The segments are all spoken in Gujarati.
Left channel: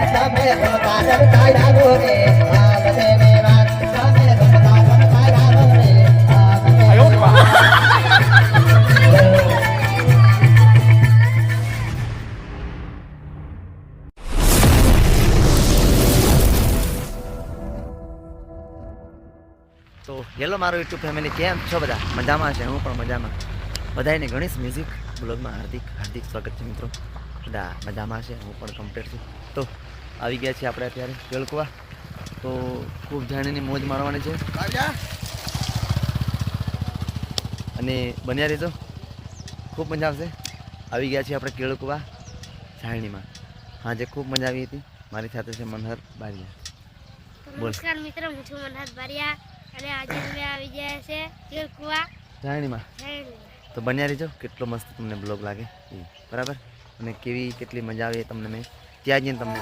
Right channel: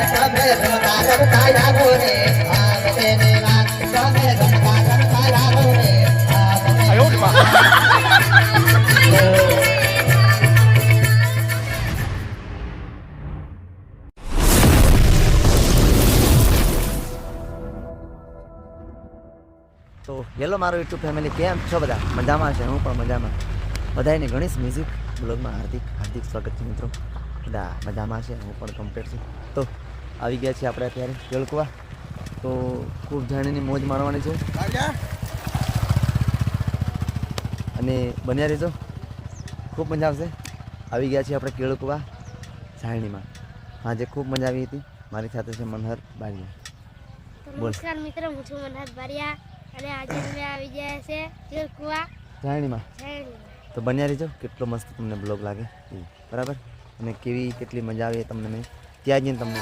તો હેલો મારો યુટ્યુબ ફેમિલી, કેમ છો બધા? મજામાં છે? હું પણ મજામાં. બધાને ગણેશ મ્યુઝિક બ્લોગમાં હાર્દિક સ્વાગત છે મિત્રો. બધા મજામાં છે, હું પણ કમ્પ્લીટ છું. તો આવી ગયા છીએ આપણે અત્યારે કેળકુવા. તો ખૂબ જાણીની મોજ માણવાની છે અને બન્યા રહેજો, ખૂબ મજા આવશે. આવી ગયા છીએ આપણે કેળકુવા જાણીમાં. આજે ખૂબ મજા આવી હતી. મારી સાથે છે મનહર બારિયા. નમસ્કાર મિત્રો, હું છું મનહર બારિયા અને આજે અમે આવી ગયા છે કેળકુવા જાણીમાં. તો બન્યા રહેજો, કેટલો મસ્ત તમને બ્લોગ લાગે એ, બરાબર? અને કેટલી મજા આવે તમને મેં ત્યાં જઈને તમને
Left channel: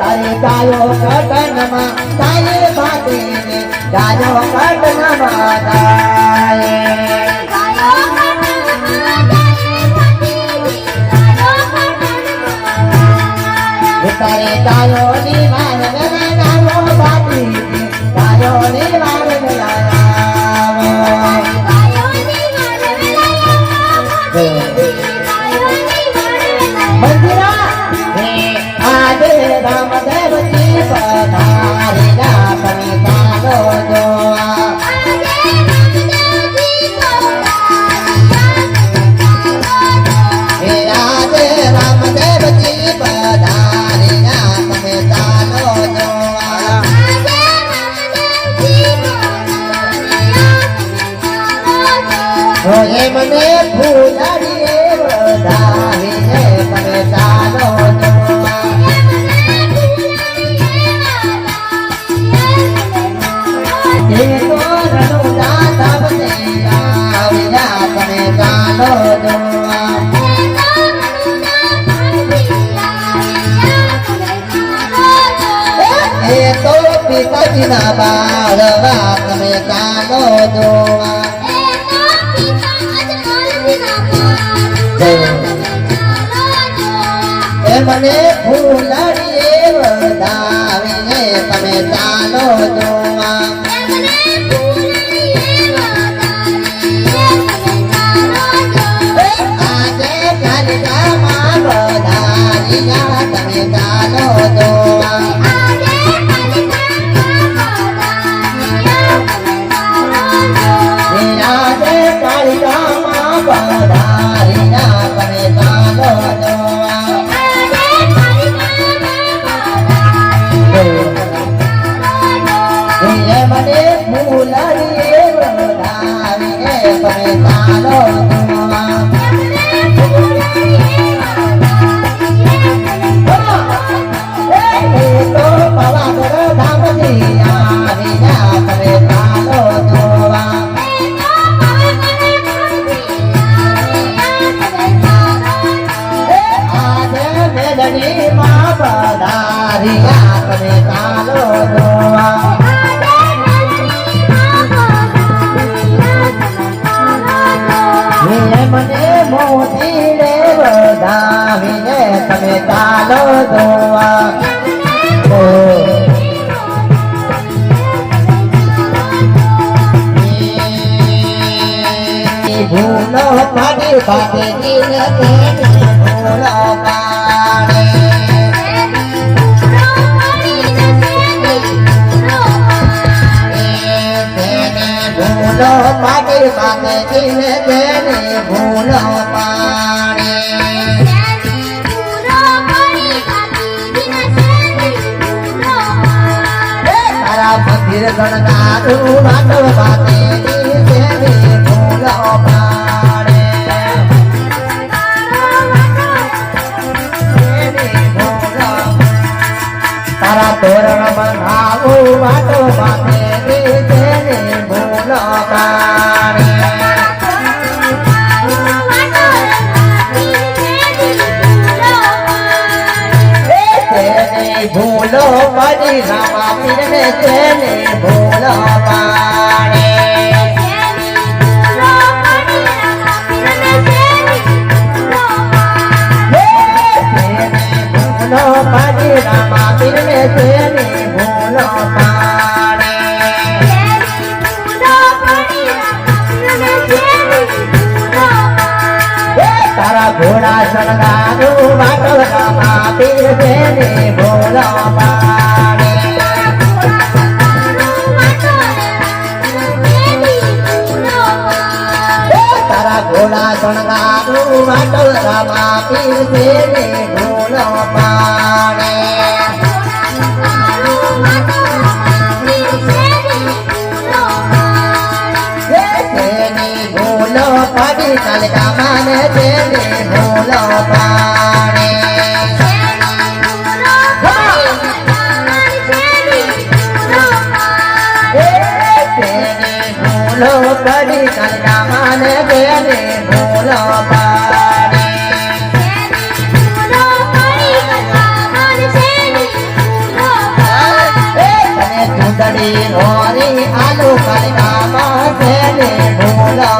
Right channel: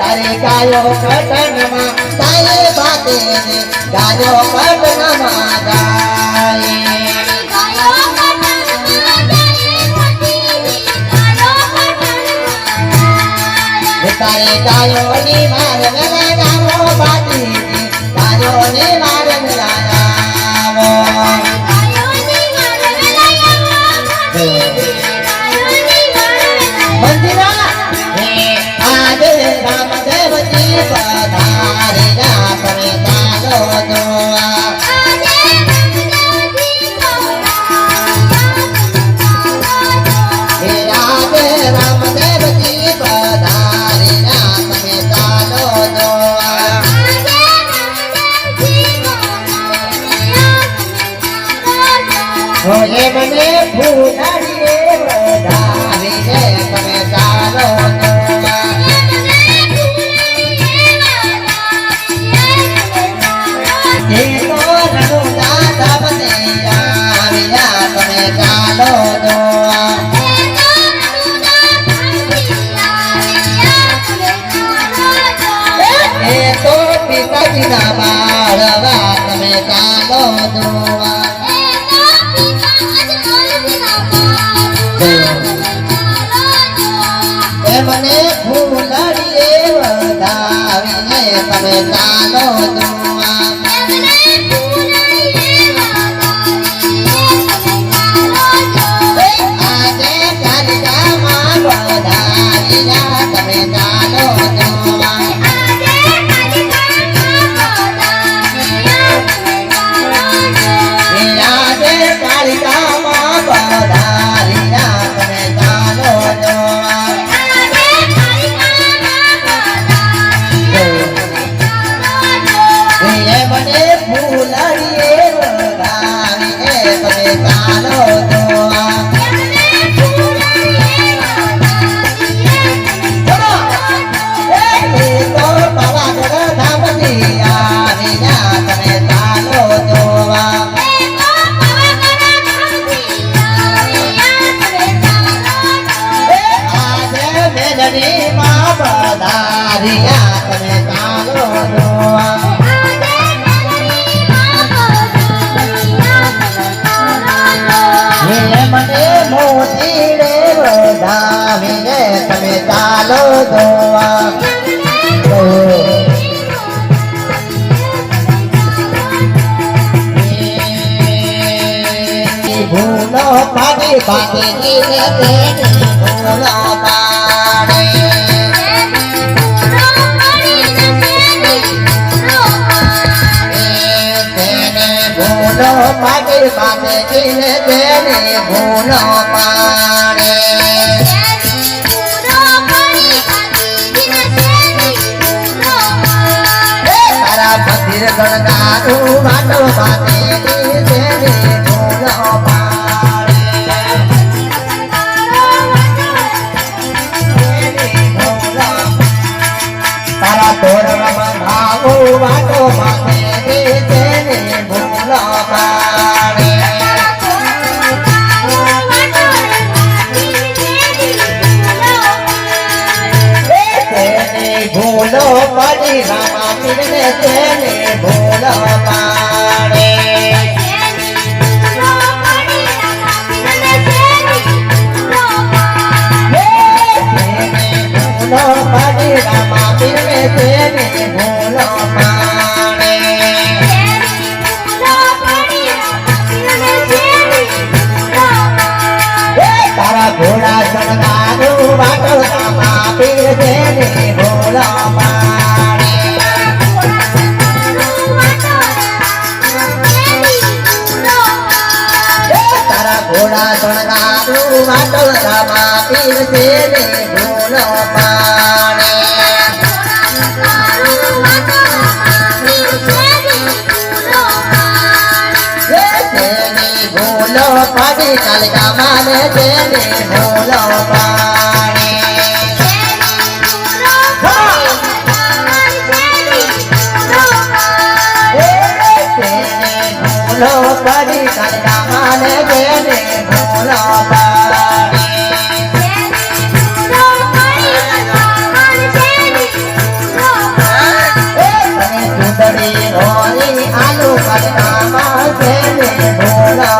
તારે ગાયો કટનમાં તારે બાતે ગાયો કટનમાં ગાય તારે ગાયો ની મારે લગાવો બાતી ગાયો ની મારે લગાવો મંદિરા આજે રામદેવજી પધાર્યા તમે ચાલો જોવા ઓએ મને ફૂલાડીએ વધાવીને તમે ચાલો તો પિતાજીના બાળવા તમે ચાલો જોવા મને ફૂલડીએ વધાવીને તમે ચાલો જોવા આજે કાલિકામાં વધાવીયા તમે ચાલો જોવા આજે કાલિકામાં વધારીયા તમે ચાલો જોવા મને ફૂલડીએ વધાવીને તમે ચાલો જોવા તો પાવાગઢ ધામની આવ્યા તમે ચાલો જોવા આજે મેલડીમાં પધાર્યા તમે ચાલો જોવા મને મોતીડે વધાવીને તમે ચાલો જોવા ભૂલો ભાભી ભાભીજીને તેની ભૂલો પાડે ભૂલો ભાભી ભાભીજીને તેની ભૂલો પાડે તારા મંદિર ગણગારું વાતો વાતે તેની ભૂલો પાડે તારા તોરણ બંધાવું વાતો વાતે તેની ભૂલો પાડે ભૂલો પડી રામા પીરને તેની ભૂલો પાડે ઘોડા શણગારું વાટો રામા પીર છે ને ભૂલો પાડે તેની ભૂલો પડી કલકા માને તેની ભૂલો પાડે ભૂલો પડી કલકા માને તેની ભૂલો પાડે અને ચૂંટણી રોરી આલુ કલકા માં તેની ભૂલો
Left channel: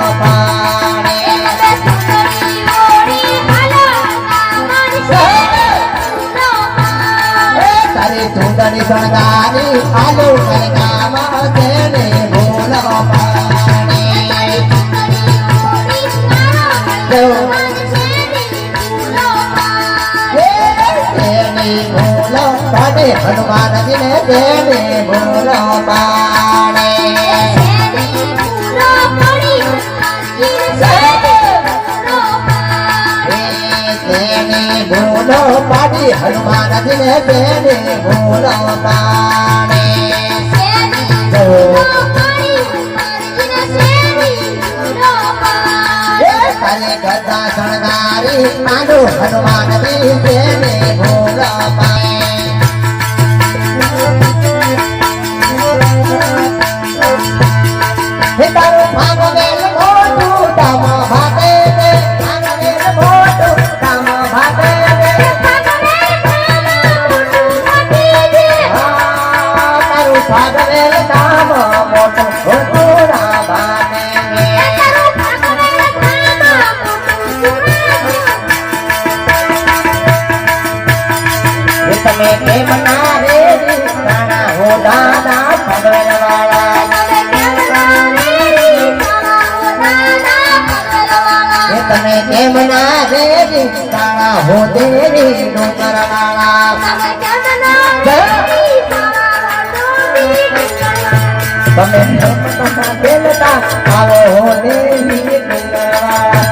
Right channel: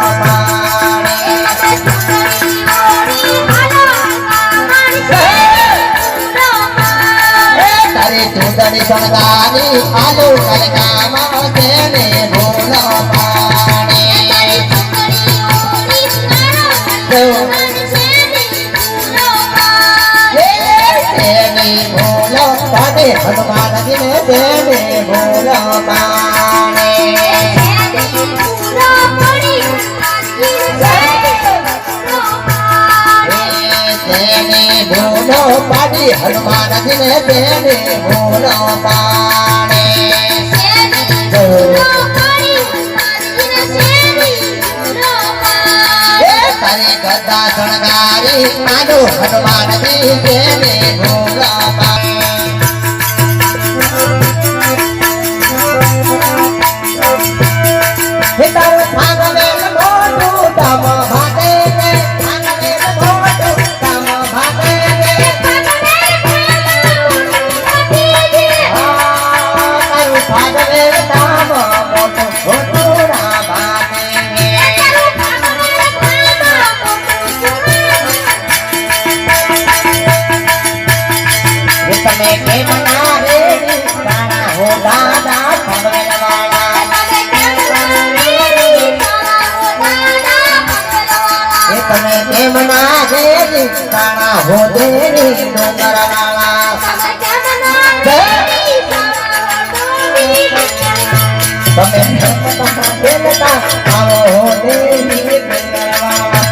તારી ચૂંટણી શણગારી આલુ કલકા માં તેની ભૂલો પાડે તેની ભૂલો પાડે હનુમાનજીને તેની ભૂલો પાડે તેની ભૂલો પાડી હનુમાનજીને તેની ભૂલો પાડે તારી ગદા શણગારી આલુ હનુમાનજી તેની ભૂલો પાડે હે તારું ભાગવેલ મોટું કામ ભાગે ને ભાગવેલ મોટું કામ ભાગે ને તારું ભાગવેલ કામ મોટું ઘોડા ભાગે ને તમે કેમ ના રે રાણા હો દાદા ખબર વાળા તમે કેમ ના રે રાણા હો દેરી ડોંગર વાળા તમે ધર્મતા દેવતા આવો હો દેરી ડોંગર વાળા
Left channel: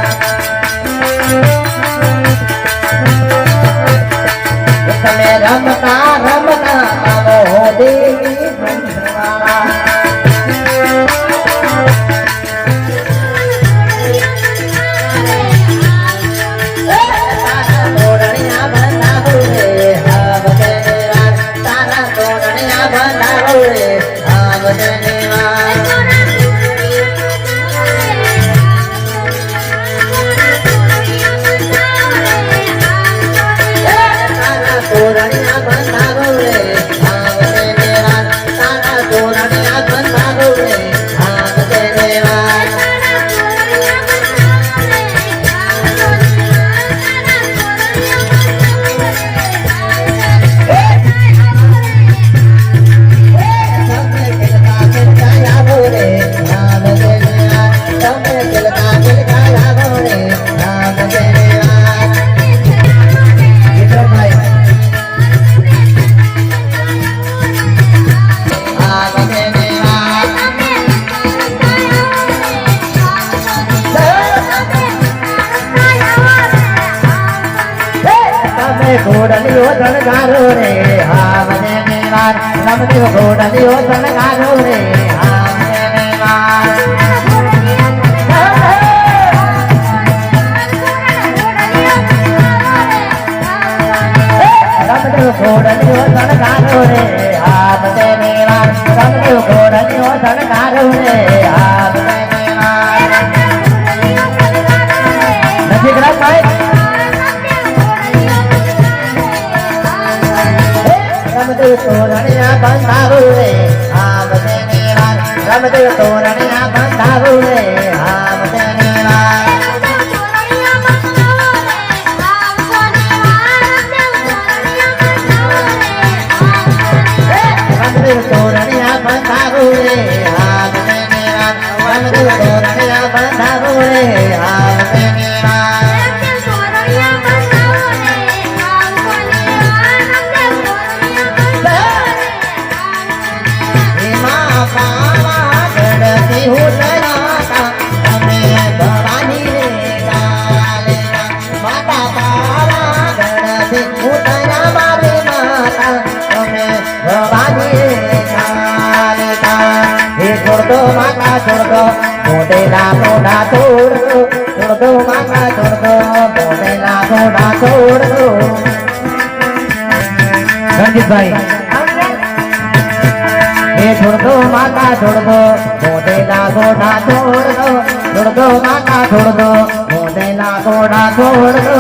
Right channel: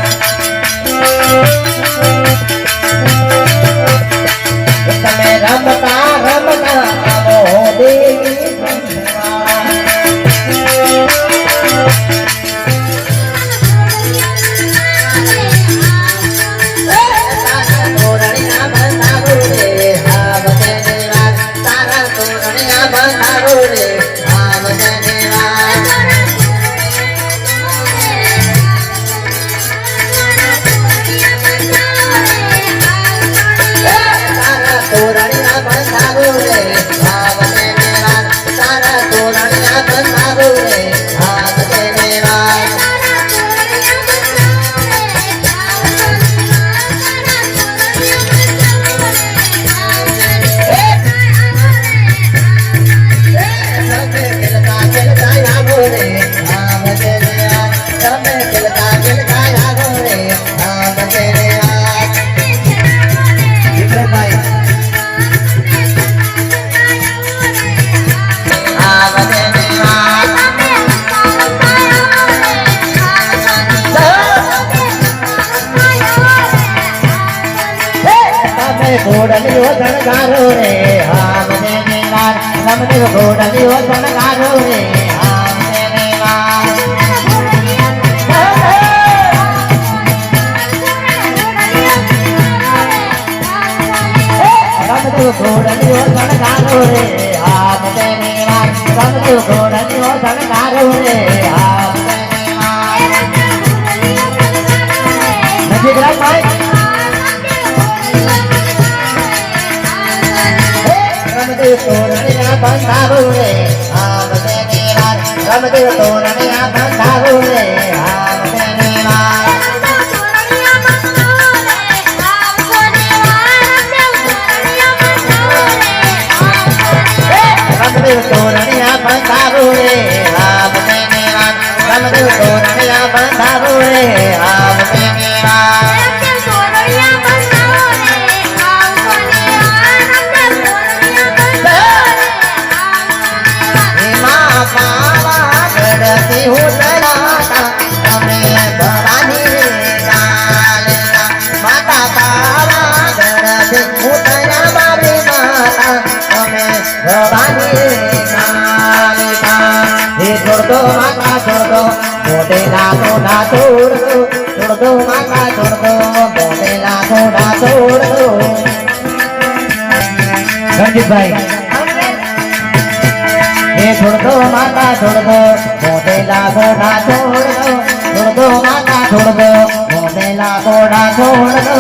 તમે રમતા રમતા આવો હો દેવી ભગવાન તારા તોરણિયા બનાવો રે હાવ દેવા તારા તોરણિયા બનાવો રે હાવ દેવા તોરણિયા બંધારો રે ભાવ દેવા તારા તોરણિયા બંધારો રે ભાવ દેવા તમે કેલકા કેલકા આવો રે ભાવ દેવા તમે કેલકા કેલકા આવો રે ભાવ દેવા વિક્રમભાઈ ઘોડલીઓ શણગારો રે હાવ દેવા રમણીઓ ઘોડલીઓ શણગારો રે હાવ દેવા રમણીઓ ઘોડલીઓ શણગારો રે હાવ દેવા રમણીઓ ઘોડલીઓ શણગારો રે હાવ દેવા નથી ગ્રામભાઈ રમદેવ તોરણિયા બંધારો રે હાવ દેવા રમદેવ તોરણિયા બંધારો રે હાવ દેવા રમદેવ તોરણિયા બંધારો રે હાવ દેવા રમદેવ તોરણિયા બંધારો રે હાવ દેવા પાવા ગઢતી હું લડાતા તમે ભવાની છોડ દો કાકા છોડ દો બોલેલા ઘોડા છોડ દો રણજીતભાઈ એ છોડ દો માતા છોડ દો બોલેલા ઘોડા છોડ દો કાકા છોડ દો બોલેલા ઘોડા છોડ દો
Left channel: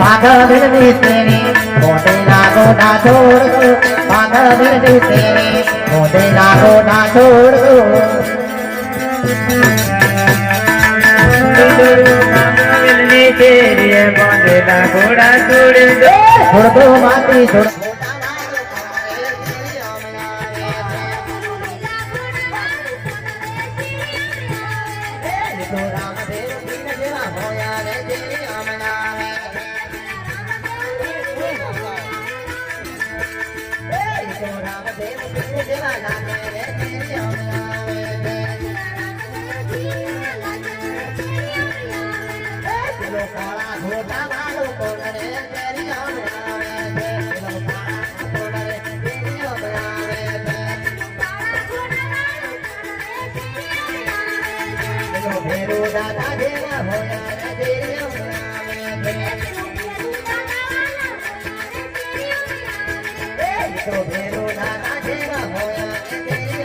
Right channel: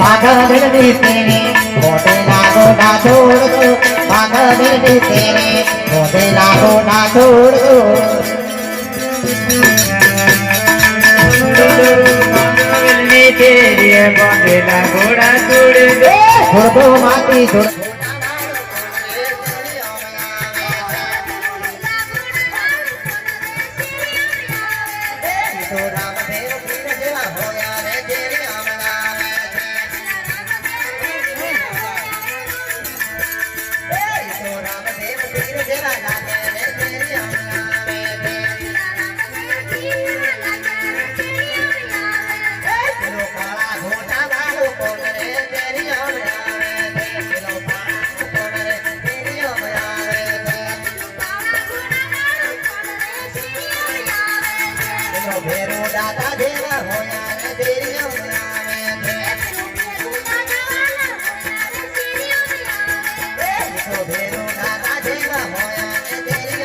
પાગલ દી તેરી બોલેલા ઘોડા છોડ દો પાગલ દી તેરી બોલેલા ઘોડા છોડ દો છોડ દો માતી છોડ ભેરો દાદા જેવા હોયા રે તેરી ભેરો દાદા જેવા હોયા રે તેરી